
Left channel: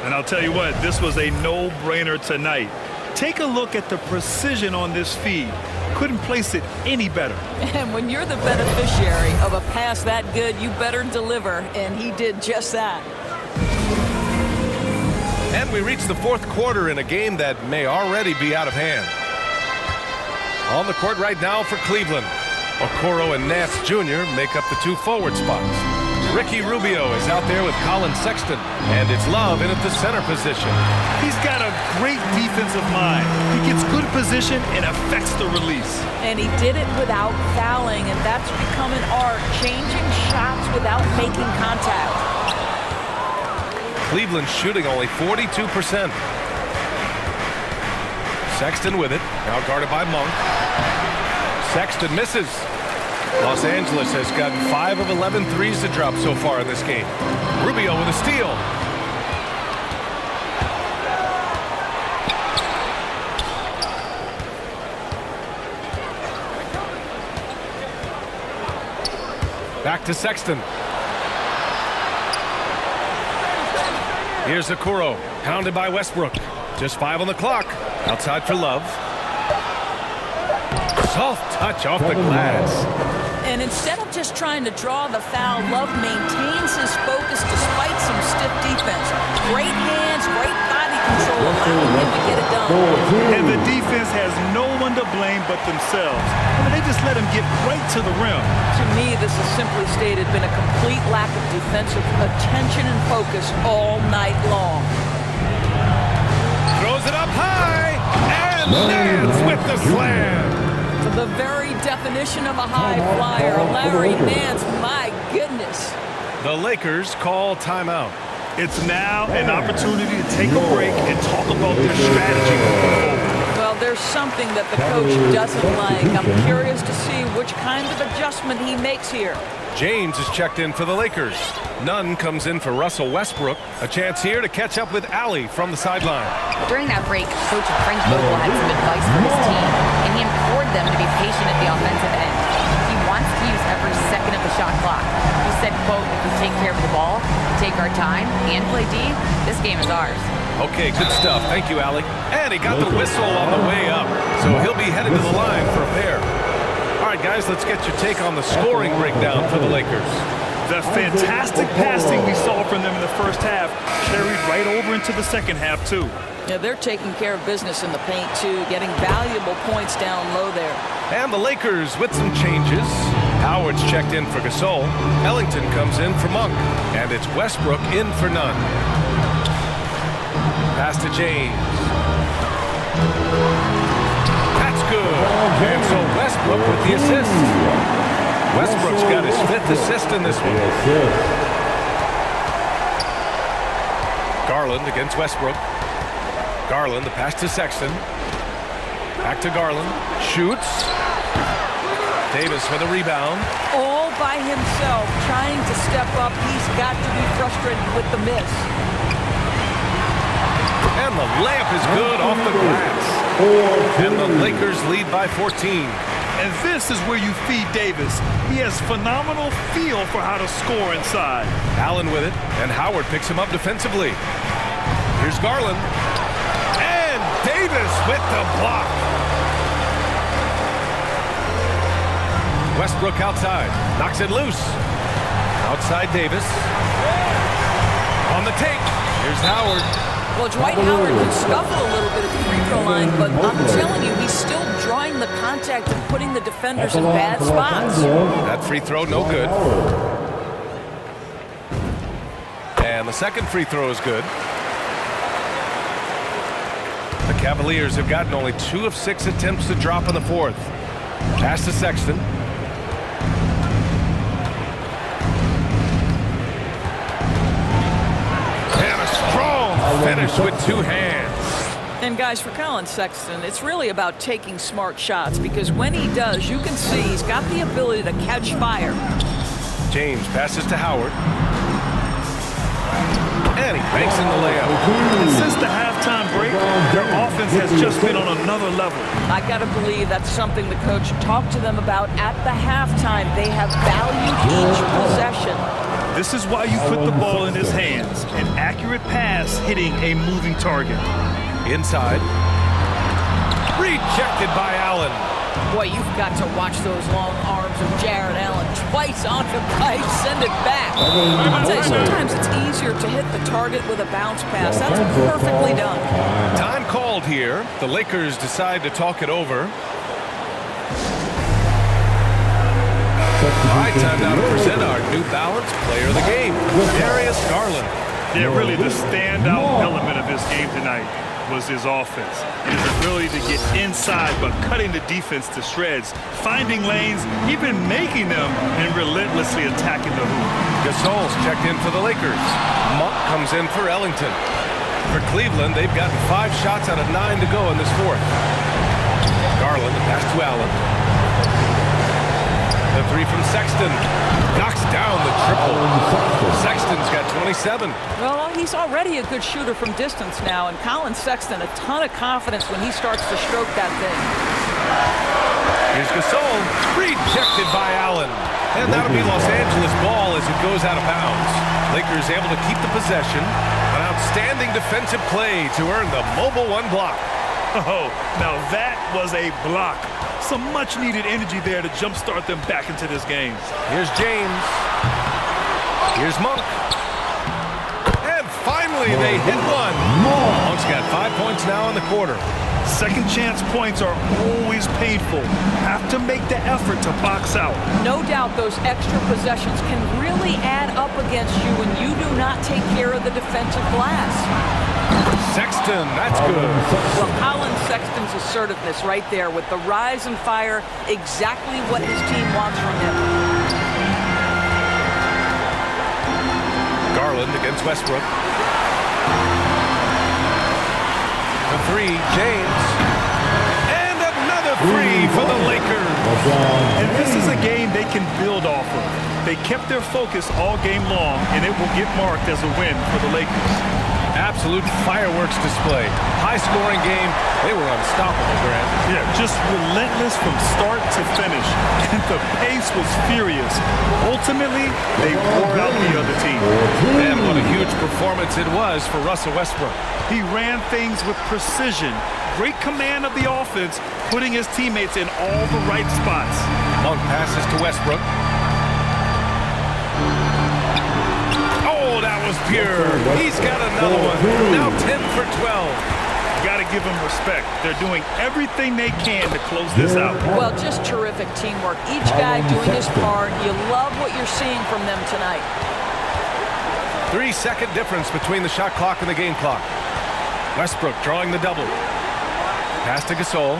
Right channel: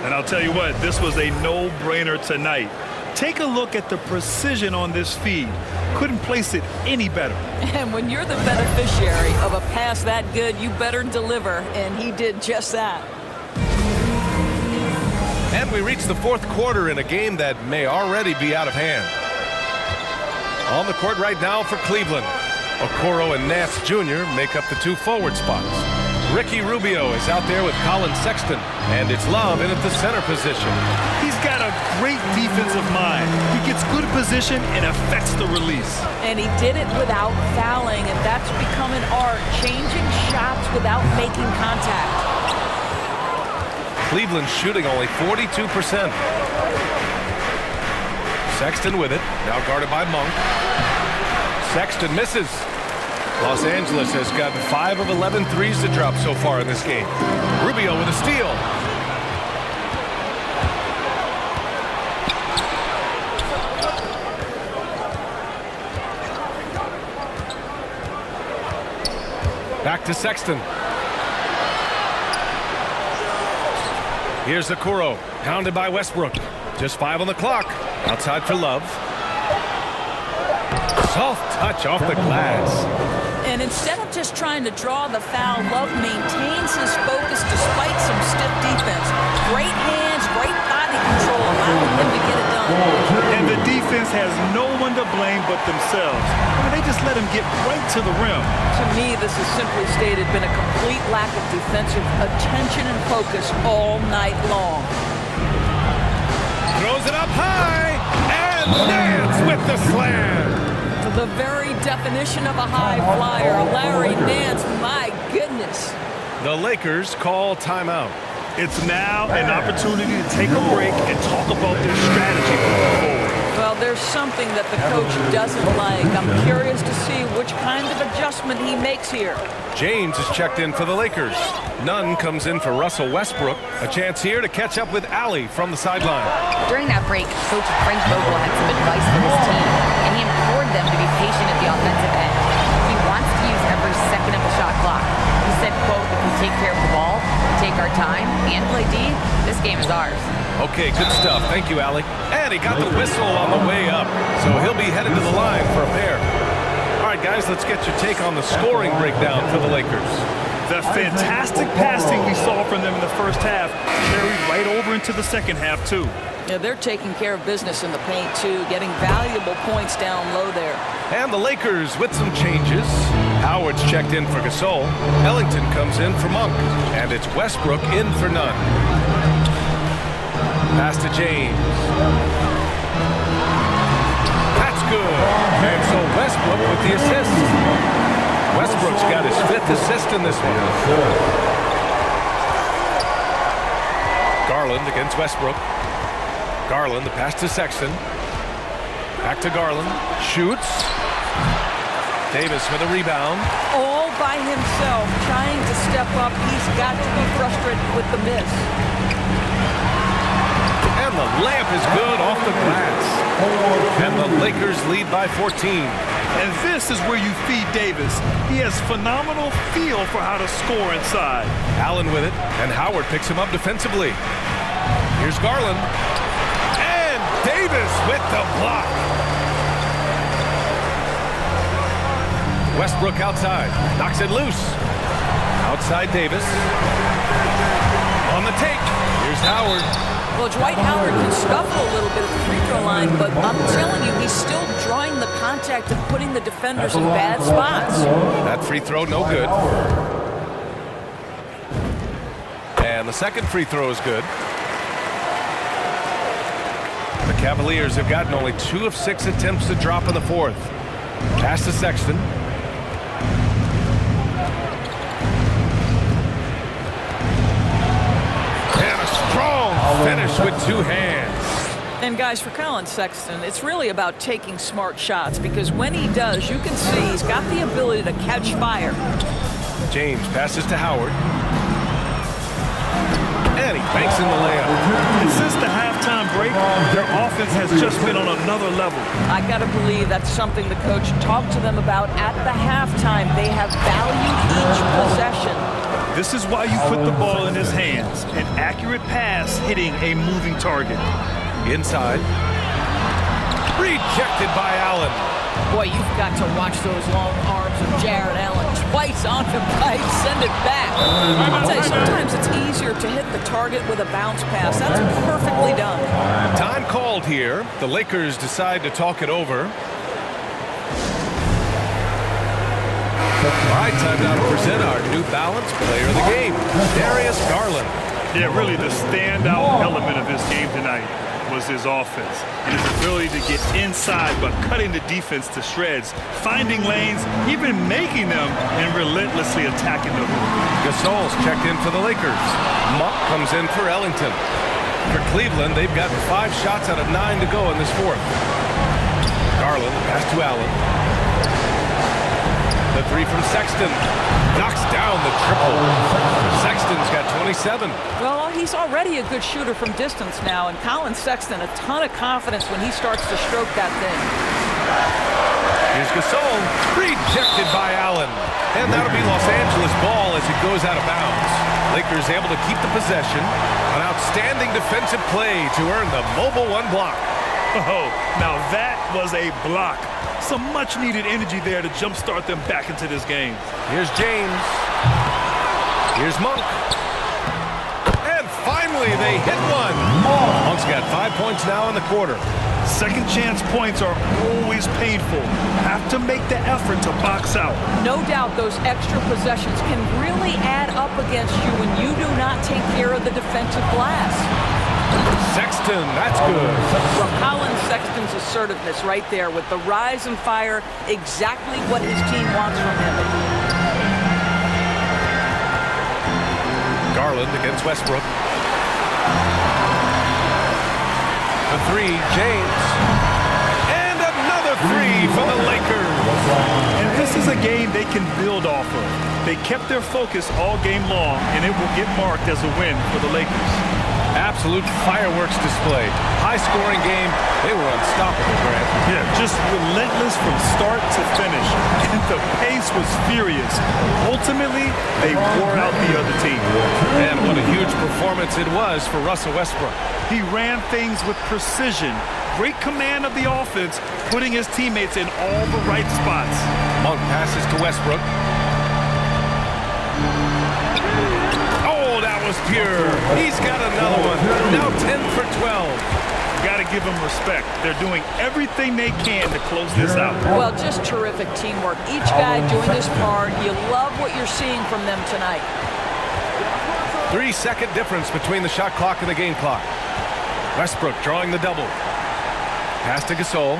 And I'll tell you what, this was a no-brainer tonight. Take a look at the precision on this feed. Couldn't place it any better. And when you're the beneficiary of a pass that good, you better deliver, and he did just that. And we reach the fourth quarter in a game that may already be out of hand. On the court right now for Cleveland. Okoro and Nance Jr. make up the 2 forward spots. Ricky Rubio is out there with Colin Sexton, and it's Love in at the center position. He's got a great defensive mind. He gets good position and affects the release. And he did it without fouling, and that's become an art, changing shots without making contact. Cleveland shooting only 42%. Sexton with it, now guarded by Monk. Sexton misses. Los Angeles has gotten 5 of 11 threes to drop so far in this game. Rubio with a steal. Back to Sexton. Here's Okoro, pounded by Westbrook. Just 5 on the clock. Outside for Love. Soft touch off the glass. And instead of just trying to draw the foul, Love maintains his focus despite some stiff defense. Great hands, great body control, allowing him to get it done. And the defense has no one to blame but themselves. I mean, they just let him get right to the rim. To me, this has simply stated been a complete lack of defensive attention and focus all night long. Throws it up high, and Nance with the slam. For the very definition of a high flyer, Larry Nance, my goodness. The Lakers call timeout. It's now an opportunity to take a break and talk about their strategy moving forward. Well, there's something that the coach doesn't like. I'm curious to see which kind of adjustment he makes here. James is checked in for the Lakers. Nunn comes in for Russell Westbrook. A chance here to catch up with Allie from the sideline. During that break, Coach Frank Vogel had some advice for his team, and he implored them to be patient at the offensive end. He wants to use every second of the shot clock. He said, quote, if we take care of the ball, take our time, and play D, this game is ours. Okay, good stuff. Thank you, Allie. And he got the whistle on the way up, so he'll be headed to the line for a pair. All right, guys, let's get your take on the scoring breakdown for the Lakers. The fantastic passing we saw from them in the first half carried right over into the second half, too. Yeah, they're taking care of business in the paint, too, getting valuable points down low there. And the Lakers with some changes. Howard's checked in for Gasol. Ellington comes in for Monk. And it's Westbrook in for Nunn. Pass to James. That's good. And so Westbrook with the assist. Westbrook's got his 5th assist in this one. Garland against Westbrook. Garland, the pass to Sexton. Back to Garland. Shoots. Davis with a rebound. All by himself, trying to step up. He's got to be frustrated with the miss. And the layup is good off the glass. And the Lakers lead by 14. And this is where you feed Davis. He has phenomenal feel for how to score inside. Allen with it, and Howard picks him up defensively. Here's Garland. And Davis with the block. Westbrook outside. Knocks it loose. Outside Davis. On the take. Here's Howard. Well, Dwight Howard can scuffle a little bit at the free throw line, but I'm telling you, he's still drawing the contact and putting the defenders in bad spots. That free throw, no good. And the second free throw is good. The Cavaliers have gotten only 2 of 6 attempts to drop in the 4th. Pass to Sexton. Finish with 2 hands. And guys, for Colin Sexton, it's really about taking smart shots, because when he does, you can see he's got the ability to catch fire. James passes to Howard. And he banks in the layup. And since the halftime break, their offense has just been on another level. I got to believe that's something the coach talked to them about at the halftime. They have valued each possession. This is why you put the ball in his hands. An accurate pass hitting a moving target. Inside. Rejected by Allen. Boy, you've got to watch those long arms of Jared Allen. Twice on the pipe, send it back. I'll tell you, sometimes it's easier to hit the target with a bounce pass. That's perfectly done. Time called here. The Lakers decide to talk it over. All right, time now to present our New Balance Player of the Game, Darius Garland. Yeah, really the standout element of his game tonight was his offense. His ability to get inside but cutting the defense to shreds, finding lanes, even making them, and relentlessly attacking the hoop. Gasol's checked in for the Lakers. Monk comes in for Ellington. For Cleveland, they've gotten 5 shots out of 9 to go in this 4th. Garland, the pass to Allen. The three from Sexton. Knocks down the triple. Sexton's got 27. Well, he's already a good shooter from distance now, and Colin Sexton, a ton of confidence when he starts to stroke that thing. Here's Gasol. Rejected by Allen. And that'll be Los Angeles ball as it goes out of bounds. Lakers able to keep the possession. An outstanding defensive play to earn the mobile one block. Oh, now that was a block. Some much-needed energy there to jumpstart them back into this game. Here's James. Here's Monk. And finally, they hit one. Monk's got 5 points now in the quarter. Second chance points are always painful. Have to make the effort to box out. No doubt those extra possessions can really add up against you when you do not take care of the defensive glass. Sexton, that's good. Well, Colin Sexton's assertiveness right there with the rise and fire, exactly what his team wants from him. Garland against Westbrook. The three, James. And another three for the Lakers. And this is a game they can build off of. They kept their focus all game long, and it will get marked as a win for the Lakers. Absolute fireworks display. High-scoring game. They were unstoppable, Grant. Yeah, just relentless from start to finish. And the pace was furious. Ultimately, they wore out the other team. And what a huge performance it was for Russell Westbrook. He ran things with precision. Great command of the offense, putting his teammates in all the right spots. Monk passes to Westbrook. Oh, that was pure. He's got another one. Now 10 for 12. You got to give them respect. They're doing everything they can to close this out. Well, just terrific teamwork. Each guy doing his part. You love what you're seeing from them tonight. 3-second difference between the shot clock and the game clock. Westbrook drawing the double. Pass to Gasol.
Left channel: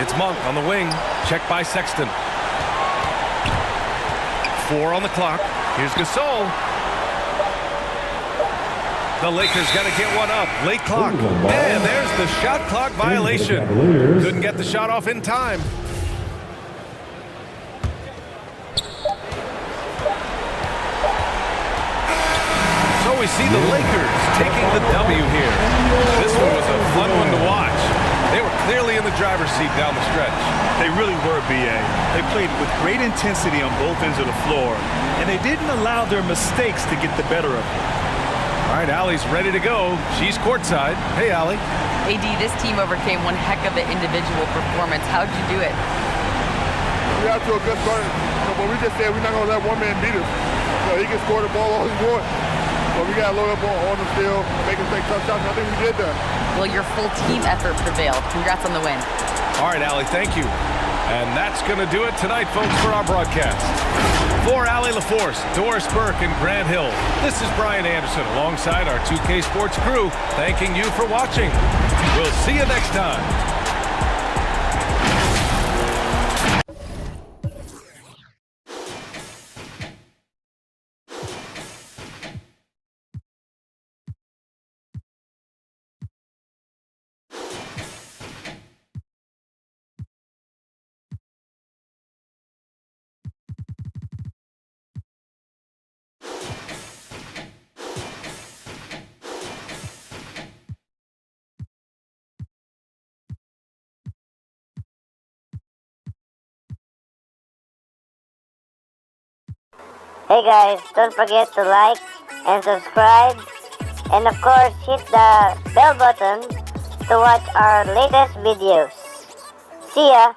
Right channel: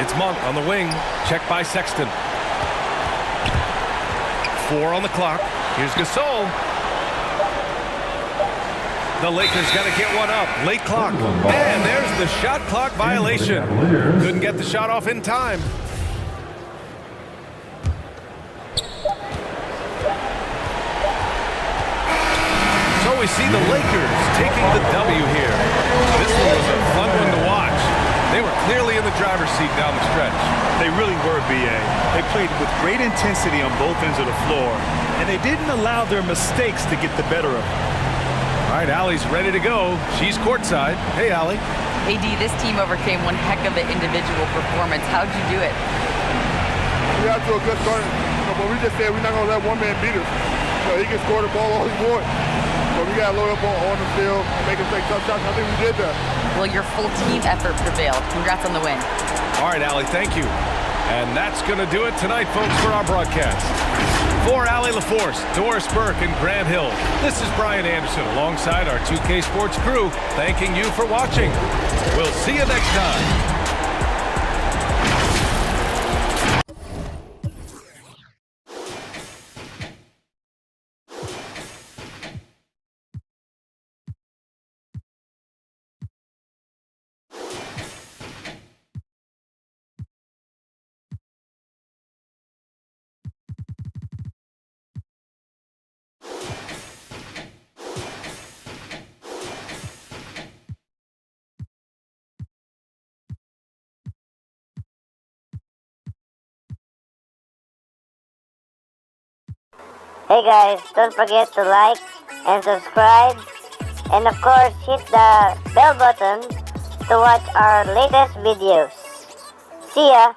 It's Monk on the wing. Check by Sexton. 4 on the clock. Here's Gasol. The Lakers got to get one up. Late clock. And there's the shot clock violation. Couldn't get the shot off in time. So we see the Lakers taking the W here. This one was a fun one to watch. They were clearly in the driver's seat down the stretch. They really were, B.A. They played with great intensity on both ends of the floor, and they didn't allow their mistakes to get the better of them. All right, Allie's ready to go. She's courtside. Hey, Allie. AD, this team overcame one heck of an individual performance. How'd you do it? We got to a good start, but we just said we're not going to let one man beat us. He can score the ball all he wants, but we got to load up on the field and make him take tough shots. I think we did that. Well, your full team effort prevailed. Congrats on the win. All right, Allie, thank you. And that's going to do it tonight, folks, for our broadcast. For Allie LaForce, Doris Burke, and Grant Hill, this is Brian Anderson alongside our 2K Sports crew, thanking you for watching. We'll see you next time. Hey guys, don't forget to like and subscribe, and of course hit the bell button to watch our latest videos. See ya!